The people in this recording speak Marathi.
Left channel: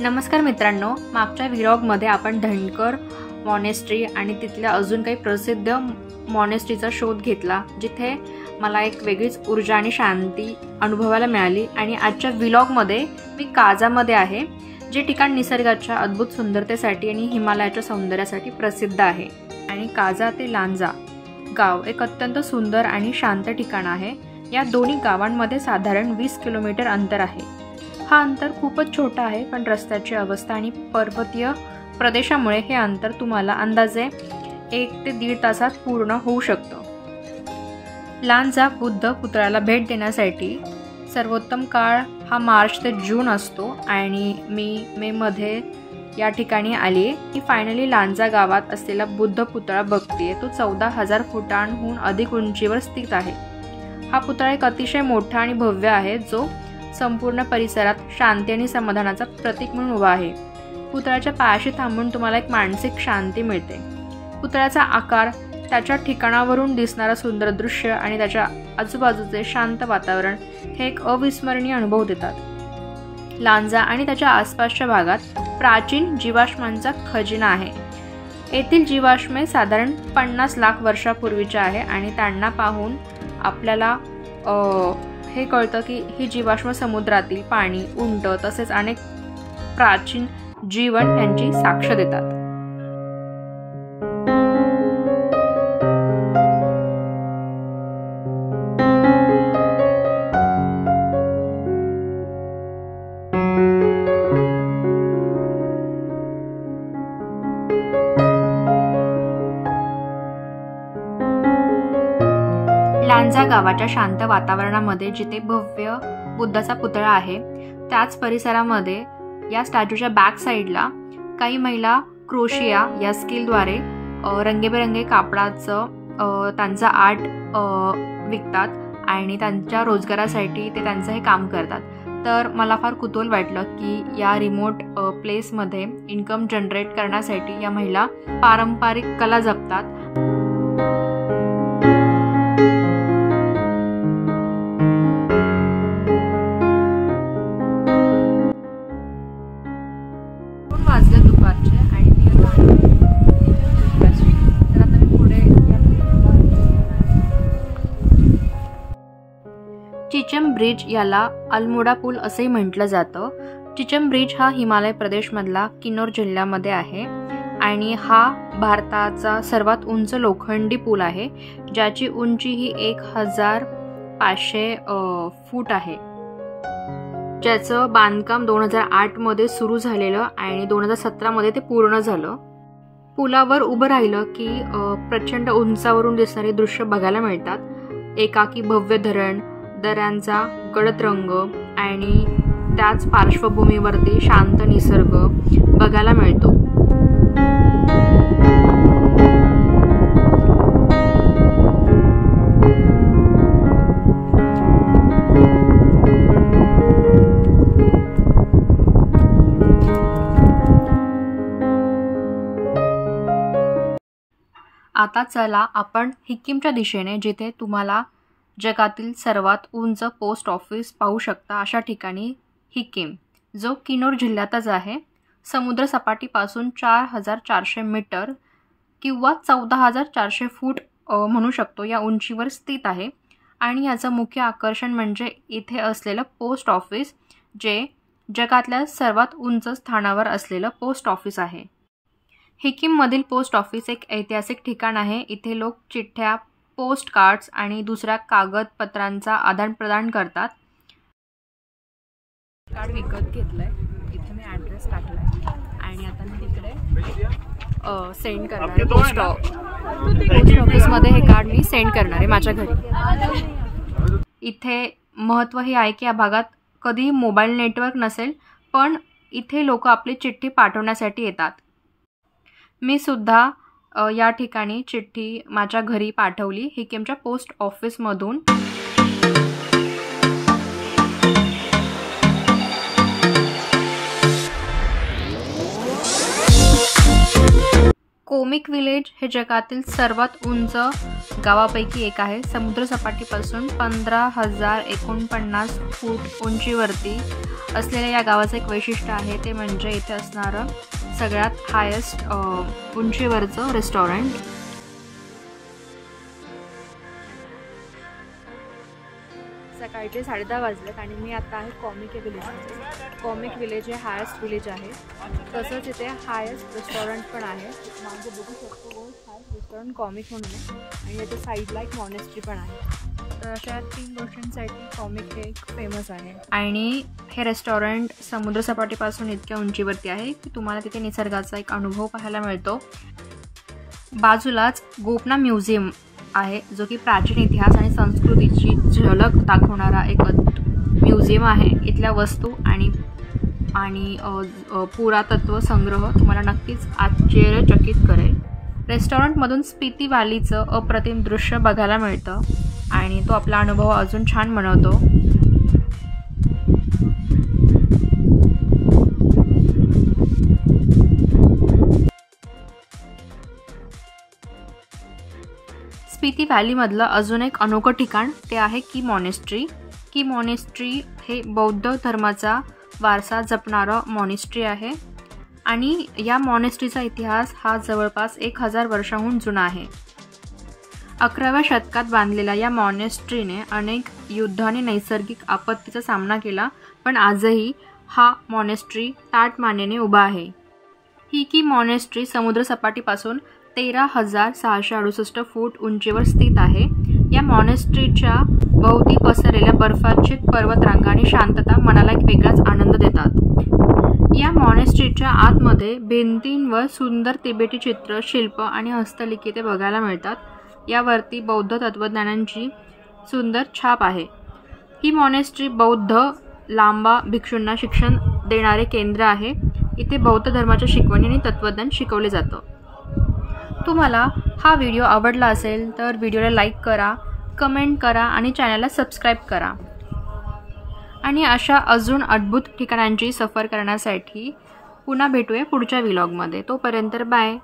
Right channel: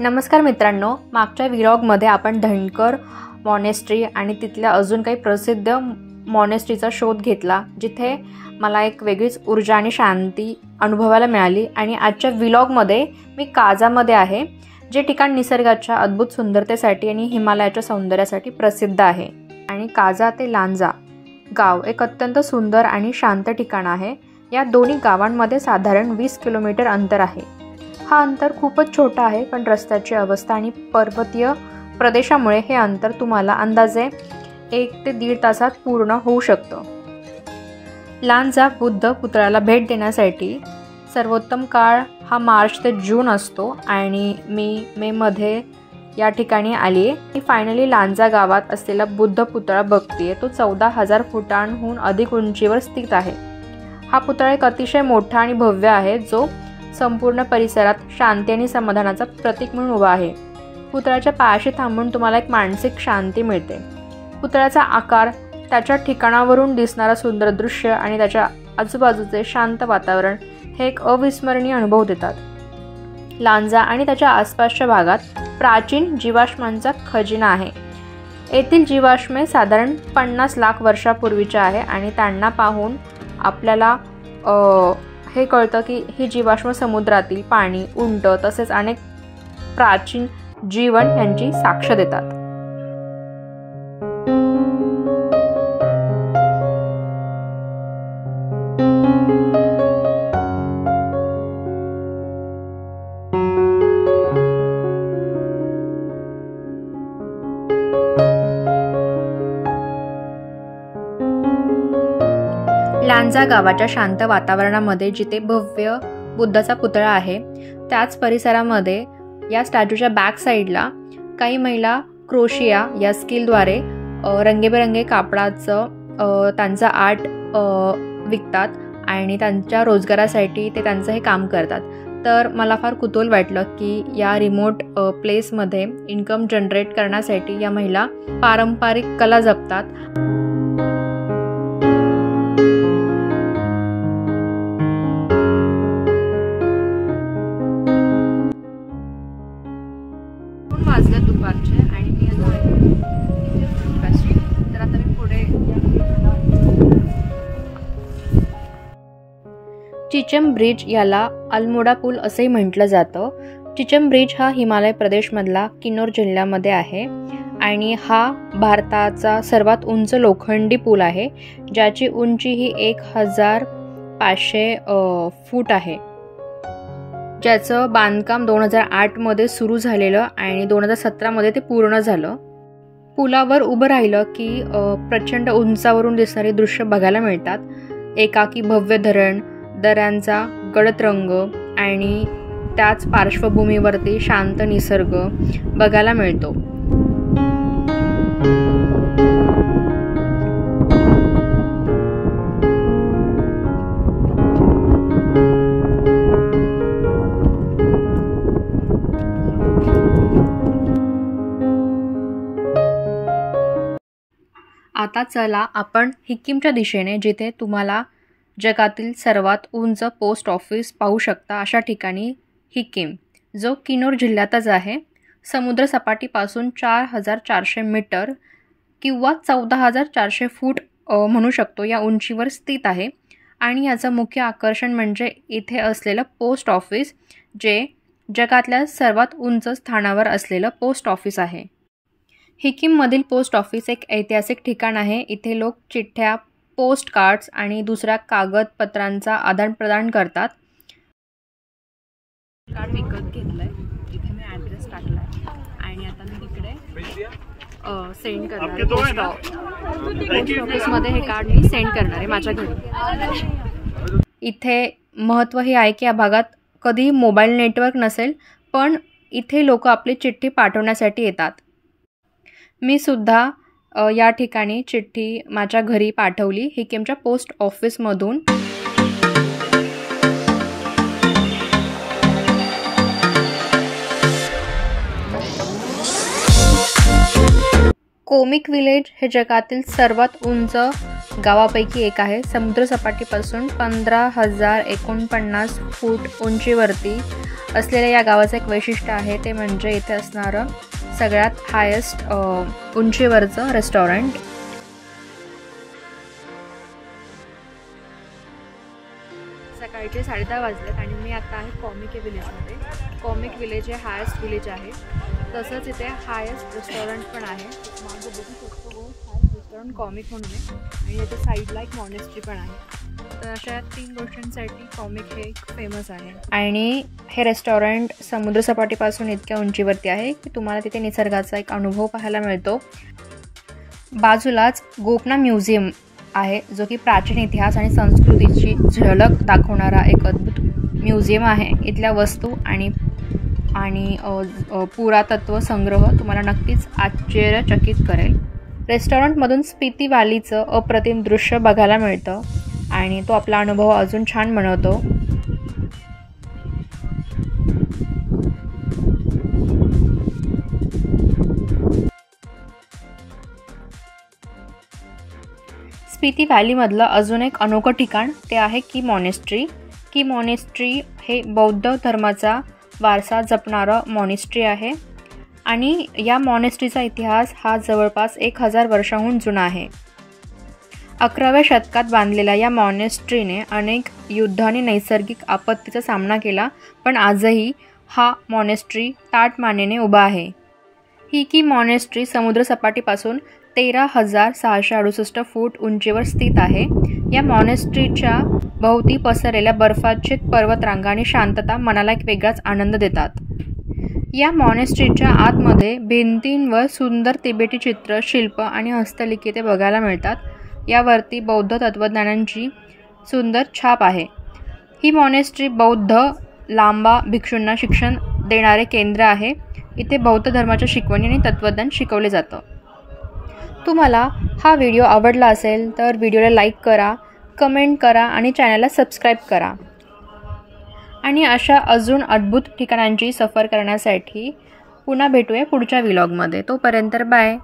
नमस्कार मित्रांनो, मागच्या व्लॉगमध्ये आपण धनकर मॉनेस्ट्री आणि तिथल्या अजून काही प्रसिद्ध मॉनेस्ट्रीचा शोध घेतला, जिथे मला एक वेगळीच ऊर्जा आणि शांती अनुभवायला मिळाली। आणि आजच्या व्लॉगमध्ये मी काजामध्ये आहे, जे ठिकाण निसर्गाच्या अद्भुत सुंदरतेसाठी आणि हिमालयाच्या सौंदर्यासाठी प्रसिद्ध आहे। आणि काजा ते लांजा गाव एक अत्यंत सुंदर आणि शांत ठिकाण आहे। या दोन्ही गावांमध्ये साधारण 20 किलोमीटर अंतर आहे। हा अंतर खूपच छोटा आहे, पण रस्त्याची अवस्था आणि पर्वतीय प्रदेशामुळे हे अंतर तुम्हाला अंदाजे 1 ते 1.5 तासात पूर्ण होऊ शकतं। लांजा बुद्ध पुतळ्याला भेट देण्यासाठी सर्वोत्तम काळ हा मार्च ते जून असतो आणि मी मे मध्ये या ठिकाणी आली आहे। मी फायनली लांजा गावात असलेला बुद्ध पुतळा बघतेय। तो 14,000 फुटांहून अधिक उंचीवर स्थित आहे। हा पुतळा एक अतिशय मोठा आणि भव्य आहे, जो संपूर्ण परिसरात शांती आणि समाधानाचा प्रतीक म्हणून उभा आहे। पुतळ्याच्या पायाशी थांबून तुम्हाला एक मानसिक शांती मिळते। पुतळ्याचा आकार, त्याच्या ठिकाणावरून दिसणारा सुंदर दृश्य आणि त्याच्या आजूबाजूचे शांत वातावरण हे एक अविस्मरणीय अनुभव देतात। लांजा आणि त्याच्या आसपासच्या भागात प्राचीन जीवाश्मांचा खजिना आहे। येथील जीवाश्मे साधारण 50 लाख वर्षापूर्वीच्या आहे आणि त्यांना पाहून आपल्याला हे कळतं की ही जीवाश्म समुद्रातील पाणी, उंट तसेच अनेक प्राचीन जीवन यांची साक्ष देतात। लांजा गावाच्या शांत वातावरणामध्ये जिथे भव्य बुद्धाचा पुतळा आहे, त्याच परिसरामध्ये या स्टॅच्यूच्या बॅक साईडला काही महिला क्रोशिया या स्किलद्वारे रंगीबेरंगी कापडाचं त्यांचं आर्ट विकतात आणि त्यांच्या रोजगारासाठी ते त्यांचं हे काम करतात। तर मला फार कुतूहल वाटलं की या रिमोट प्लेसमध्ये इन्कम जनरेट करण्यासाठी या महिला पारंपरिक कला जपतात। वाजल्या दुपारचे आणि मी आता तर आता मी पुढे चिचम ब्रिज याला अल्मोडा पूल असेही म्हटलं जातं। चिचम ब्रिज हा हिमाचल प्रदेशमधला किन्नौर जिल्ह्यामध्ये आहे आणि हा भारताचा सर्वात उंच लोखंडी पूल आहे, ज्याची उंची ही 1500 फूट आहे, ज्याचं बांधकाम 2008 मध्ये सुरू झालेलं आणि 2017 मध्ये ते पूर्ण झालं। पुलावर उभं राहिलं की प्रचंड उंचावरून दिसणारे दृश्य बघायला मिळतात। एकाकी भव्य धरण, दऱ्यांचा गडद रंग आणि त्याच पार्श्वभूमीवरती शांत निसर्ग बघायला मिळतो। आता चला आपण हिक्कीमच्या दिशेने, जिथे तुम्हाला जगातील सर्वात उंच पोस्ट ऑफिस पाहू शकता, अशा ठिकाणी हिक्कीम, जो किन्नौर जिल्ह्यातच आहे, समुद्र सपाटीपासून 4400 मीटर किंवा 14,400 फूट म्हणू शकतो या उंचीवर स्थित आहे। आणि याचं मुख्य आकर्षण म्हणजे इथे असलेलं पोस्ट ऑफिस, जे जगातल्या सर्वात उंच स्थानावर असलेलं पोस्ट ऑफिस आहे। हिक्कीममधील पोस्ट ऑफिस एक ऐतिहासिक ठिकाण आहे। इथे लोक चिठ्ठ्या, पोस्ट कार्ड्स आणि दुसऱ्या कागदपत्रांचा आदानप्रदान करतात। कार्ड विकत घेतलंय, इथे मी ॲड्रेस टाकलाय आणि आता मी तिकडे सेंड करणार आहे। पोस्ट ऑफिसमध्ये हे कार्ड मी सेंड करणार आहे माझ्या घरी। इथे महत्त्व हे आहे की या भागात कधीही मोबाईल नेटवर्क नसेल, पण इथे लोक आपली चिठ्ठी पाठवण्यासाठी येतात। मी सुद्धा या ठिकाणी चिठ्ठी माझ्या घरी पाठवली, हिक्कीमच्या पोस्ट ऑफिसमधून। कोमिक विलेज हे जगातील सर्वात उंच गावापैकी एक आहे। समुद्रसपाटीपासून 15,049 फूट उंचीवरती असलेल्या या गावाचं एक वैशिष्ट्य आहे, ते म्हणजे इथे असणारं सगळ्यात हायेस्ट उंचीवरचं रेस्टॉरंट। सकाळचे 10:30 वाजलेत आणि मी आता आहे कॉमिक विलेजमध्ये। कॉमिक विलेज हे हायेस्ट विलेज आहे, तसंच इथे हायेस्ट रेस्टॉरंट पण आहे। मागे बघू शकतो हायेस्ट रेस्टॉरंट कॉमिक म्हणून आहे आणि याच्या साईडला एक मॉनेस्ट्री पण आहे। तर अशा 3 गोष्टींसाठी कॉमिक हे फेमस आहे। आणि हे रेस्टॉरंट समुद्रसपाटीपासून इतक्या उंचीवरती आहे की तुम्हाला तिथे निसर्गाचा एक अनुभव पाहायला मिळतो। बाजूलाच गोपना म्युझियम आहे, जो की प्राचीन इतिहास आणि संस्कृतीची झलक दाखवणारा एक अद्भुत म्युझियम आहे। इथल्या वस्तू आणि पुरातत्व संग्रह तुम्हाला नक्कीच आश्चर्यचकित करेल। रेस्टॉरंटमधून स्पिती व्हॅलीचं अप्रतिम दृश्य बघायला मिळतं आणि तो आपला अनुभव अजून छान बनवतो। स्पिती व्हॅलीमधलं अजून एक अनोखं ठिकाण ते आहे की मॉनेस्ट्री। की मॉनेस्ट्री हे बौद्ध धर्माचा वारसा जपणारं मॉनेस्ट्री आहे आणि या मॉनेस्ट्रीचा इतिहास हा जवळपास 1000 वर्षांहून जुना आहे। 11व्या शतकात बांधलेल्या या मॉनेस्ट्रीने अनेक युद्ध आणि नैसर्गिक आपत्तीचा सामना केला, पण आजही हा मॉनेस्ट्री ताठमानेने उभा आहे। ही की मॉनेस्ट्री समुद्रसपाटीपासून 13,668 फूट उंचीवर स्थित आहे। या मॉनेस्ट्रीच्या भोवती पसरलेल्या बर्फाच्छादित पर्वतरांगा आणि शांतता मनाला एक वेगळाच आनंद देतात। या मॉनेस्ट्रीच्या आतमध्ये भिंतींवर सुंदर तिबेटी चित्र, शिल्प आणि हस्तलिखिते बघायला मिळतात। यावरती बौद्ध तत्त्वज्ञानांची सुंदर छाप आहे। ही मॉनेस्ट्री बौद्ध लांबा भिक्षूंना शिक्षण देणारे केंद्र आहे। इथे बौद्ध धर्माच्या शिकवणी आणि तत्त्वज्ञान शिकवले जातं। तुम्हाला हा व्हिडिओ आवडला असेल तर व्हिडिओला लाईक करा, कमेंट करा आणि चॅनलला सबस्क्राईब करा। आणि अशा अजून अद्भुत ठिकाणांची सफर करण्यासाठी पुन्हा भेटूया पुढच्या व्लॉगमध्ये। तोपर्यंत बाय।